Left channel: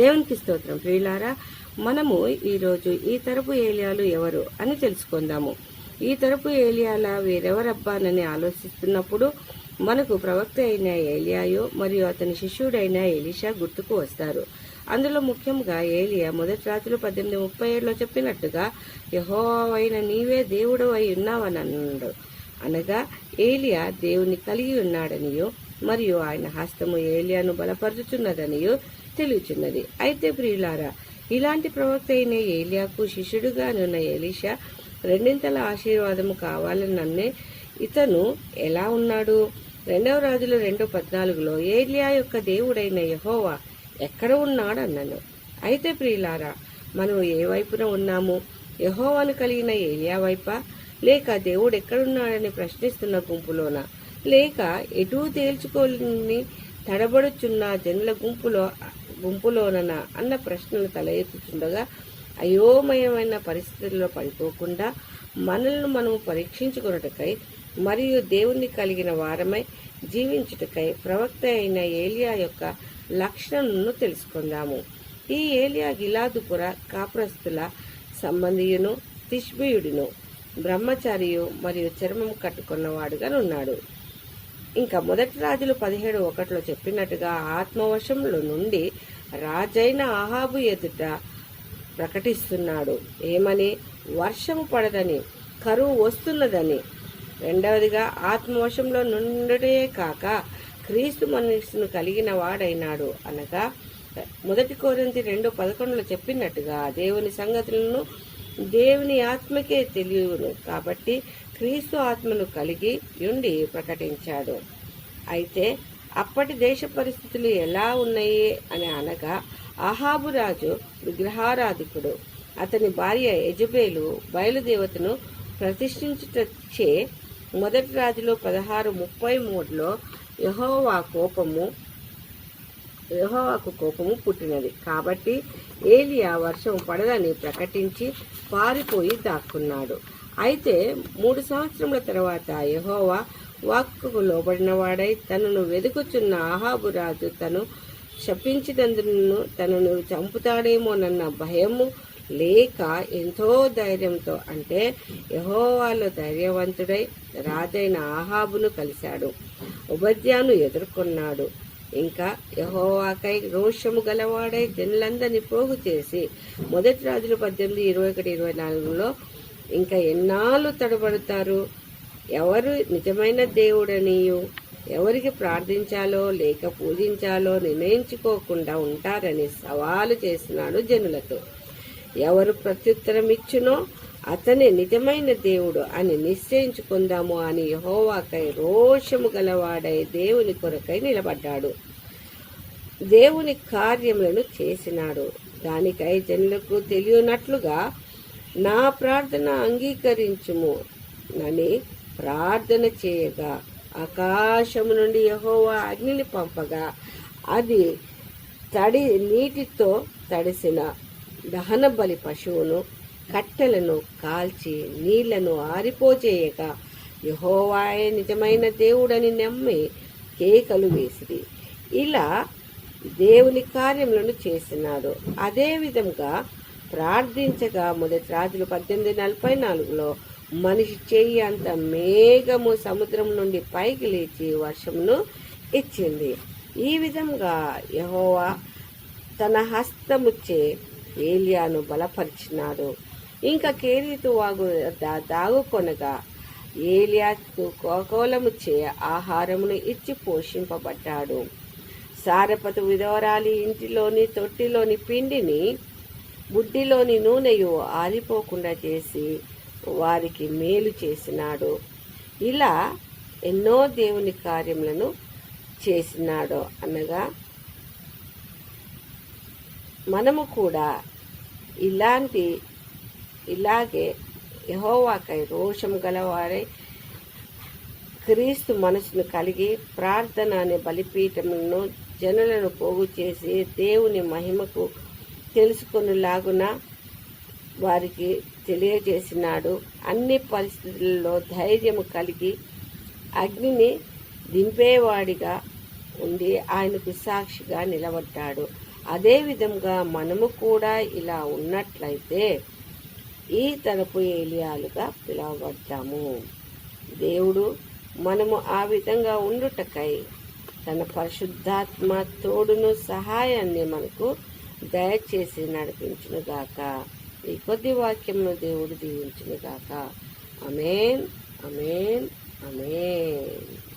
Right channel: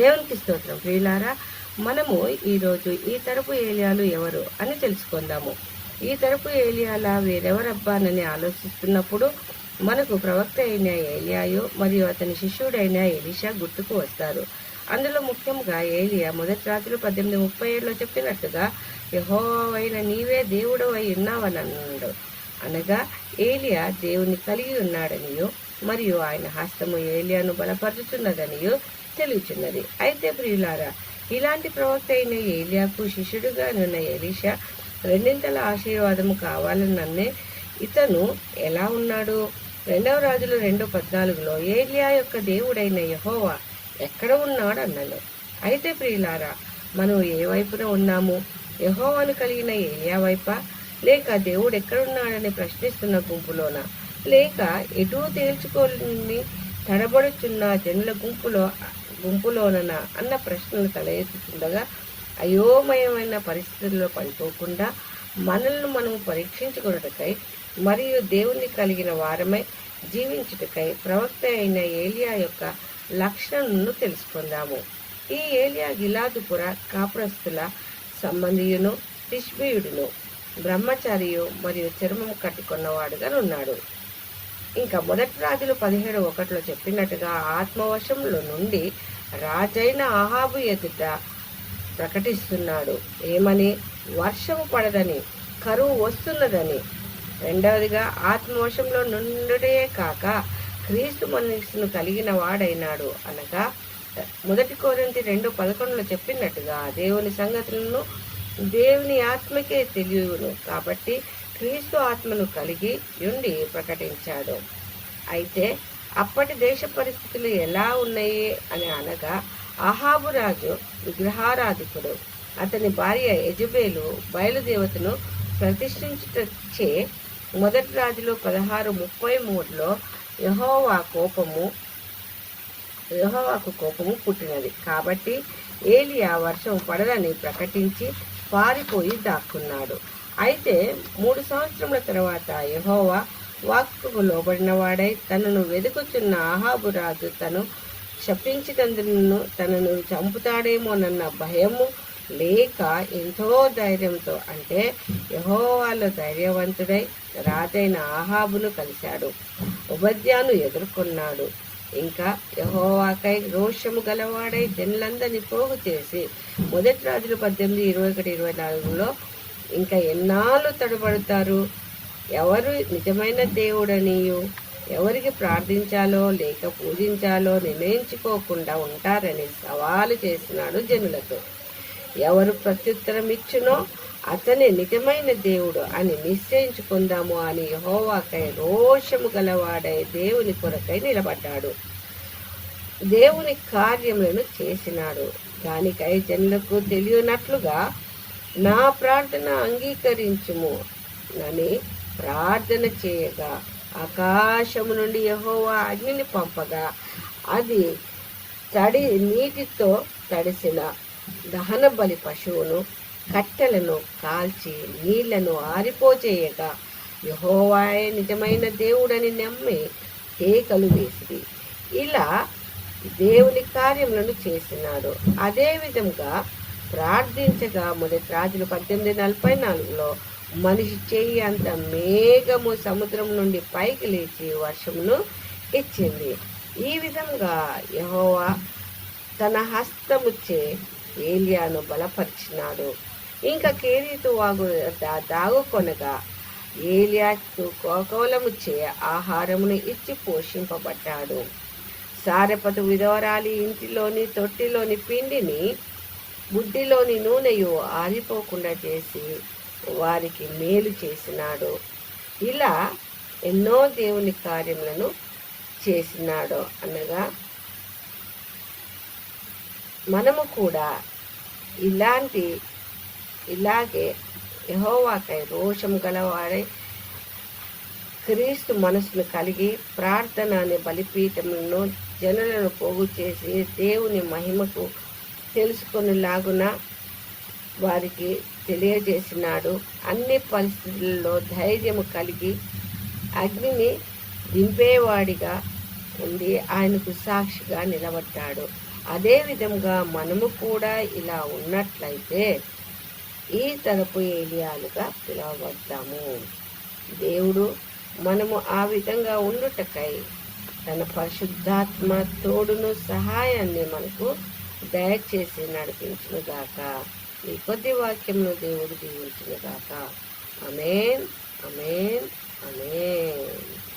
దేవునికి స్తోత్రం. ప్రియులారా, మనము ఈరోజు ఈ తరపు ఏలియాలు ఎవరు అని తెలుసుకుందాము. ఈ తరపు ఏలియాల వేరెవరబ్బానని ఆలోచిస్తున్నప్పుడు మనకు ప్రవక్త అయిన ఏలియాయో మరియు అతని శిష్యుడైన ఎలీషా గుర్తుకు వస్తారు. అందులో ముఖ్యంగా ఏలియా మొదటి రాత్రులు 18:37 చెప్పినట్టుగా యెహోవా నీవే దేవుడు అయి ఉన్నావని అన్నాడు. అనగా ఏలియా దేవుని కలిగి ఉన్నాడనియో మరియు ఆయన హస్తము ఏలియాను బలపరుచుచున్నదనియో తెలియచున్నది. అయితే ప్రియులారా, ఇలాంటి ప్రవక్త అయిన ఏలియాకు శిష్యుడుగా ఉన్న ఎలీషా రెండింతల ఆశీర్వాదము కావాలనన్నే ఇతను ఎలా ఉన్నాడు? 2 రాజులు 2:14 ఏలియా యొక్క దేవుడైన యెహోవా ఎక్కడ ఉన్నాడు అన్నాను. అయితే ప్రియులారా, మనం ఏ వైపున ఉన్నాము? యెహోవాను కలిగిన ఏలియా వైపా, లేక దేవుడు ఎక్కడున్నాడని ప్రశ్నిస్తున్న గుంపులోనా, లేక ఎటూ తేల్చుకోని తడబడుచున్న జనుల గుంపులోననా అన్న ప్రశ్నలు తల ఎత్తుతుండగా అయోమయమైన పరిస్థితుల్లో పడిపోకుండా మనల్ని మనం పరీక్షించుకొనుటకై మరియు దేవుణ్ణి కలిగిన వారమై జీవించుటకై ప్రవక్త అయిన ఏలియా యొక్క లక్షణాలను తెలుసుకుందాము. ఈ ఏలియా గిలాదుపుర కాపురస్తుల సంబంధియును, తిష్బీయుడును, బ్రహ్మచారియు మరియు చర్మం కట్టుకున్నవాడుగా ఉన్నాడు. ఇంకా మొదటి రాజులు 17:1 చెప్పినట్టుగా ఆత్మవశంలో నుండి రాజైన అహాబు ఎదుట ప్రకటిస్తున్నాడు. ఏమని? వర్షము పడదని, కరువు వస్తున్నదని. రెండవదిగా ఆత్మవశంలో నుండే కాక క్రీస్తు మనస్సును కలిగిన వాడైనాడు. అనగా మొదటి కొరింథీ 2:11 చెప్పినట్టుగా దేవుని సంగతులను దేవుని ఆత్మకే తెలియను కాబట్టి క్రీస్తు ఆత్మను కలిగి ఉండి ప్రకటించాడు. అయితే అప్పటి దేశ పరిస్థితులు ఎలా ఉన్నాయి అని అనగా అహాబు రాజు విగ్రహారాధికుడు. అతని భార్య యెజబేలు బయలుదేవతను ప్రతిష్ఠించుటచే మొదటి రాజులో 16:33 యెహోవాకు కోపము పుట్టినది. కాబట్టి ఏలియా వర్షం పడదని ప్రకటించి పారిపోయి దాక్కున్నాడు. అయితే 3 సంవత్సరముల తర్వాత యెహోవా వాక్కుకు లోబడిన వాడై తనను వెదుకుచున్న అహాబు రాజు తను శపించినందును తనను చంపుతాడేమోనన్న భయము లేక ఎంతో ధైర్యంతో, అంటే యెహోవాలో ధైర్యవంతుడై రాజైన అహాబును కలిశాడు, ఓబద్యాను ఎదుర్కొన్నాడు. ఇంకా యెహోవాకై రోషము గలవాడై జనులందరినీ పోగు చేసి మొదటి రాజులు 18:21-24 ఇంకా ఎన్నాళ్ళు తడబడతారు? ఎవరు నిజమైన దేవుడనియు ఎవరికి ప్రార్థించాలో లేక పూజించాలో నిర్ణయించుకోకుండా ఉంటారని సవాలు చేసినాడు జనులతో. ఎవరు ప్రత్యుత్తరం ఇచ్చునో అతనే నిజమైన దేవుడు అని నిశ్చయించుకుందాము అని యెహోవాకై రోషము గలవాడై దేవుని కొరకై నిలబడ్డాడు. దేవుని కార్యములను చేసినాడు. దానికై జనులకు తెలియనట్లుగా నా ప్రార్థన అంగీకరించుము అని ప్రార్థన చేయగా ఆకాశము నుండి యెహోవా అగ్నిని పంపగా అది నీటితో తడిసిన దహన బలి పశువును కట్టెలను కాల్చి నీళ్లను ఆరిపోచేయగా యెహోవాయే నిజమైన దేవుడని నమ్మి కేకలు వేసిరి. ఇలా దేవుని కార్యములను చేసినాడు. అదే విధంగా ప్రార్థించగా మొదటి రాజులు 18:44 మనిషి చెయ్యి అంత మేఘము సముద్రం నుండి పైకి లేచి వర్షమును ఇచ్చింది. ఈ విధంగా యెహోవా తన హస్తముచ్చే ఏలియాను బలపరిచినాడు. ఇంకా కేరీతు వాగు దాగుకొనగా ఏలియాకు కోకోలముచ్చే ఆహారమును ఇచ్చి పోషింపబడ్డాడు. సారెపతు విధవరాలి ఇంటిలోని తొట్టిలోని పిండిని బుడ్డిలోని నూనెయు ఆరిపోకుండా చేసి వారికి మేలు చేసినాడు. ఇలా ఎన్నో దేవుని కార్యములను చేసినాడు. అనగా మనము కూడా ఇలాగే యెహోవాకై రోషం గలవాడై క్రీస్తు మనసును కలిగి ప్రార్థన అనే బలిపీఠములను జనులను పోగు చేసి దేవుని మహిమకు తెలుసుకునేలాగున వారికి తెలియజేసినాడు. అన్ని పరిస్థితుల్లో ధైర్యము కలిగి అగ్నిని దింపేవాడిగా ఉండి ఆయనకు సాక్షిగా నిలబడ్డాడు. అదే విధంగా మనము కూడా ఇలా ఉన్నట్లయితే ఈ తరపు ఏలియాలుగా పిలువబడతాము. దేవుడు మనము ఆ విధంగా ఉండుటకై తన పరిశుద్ధాత్మ తోడును సహాయాన్ని మనకు దయచేసి నడిపించునుగాక. ఈ కొద్ది వాక్యంను దేవుడు దీవించునుగాక. ఆమేన్, ఆమేన్, ఆమేన్.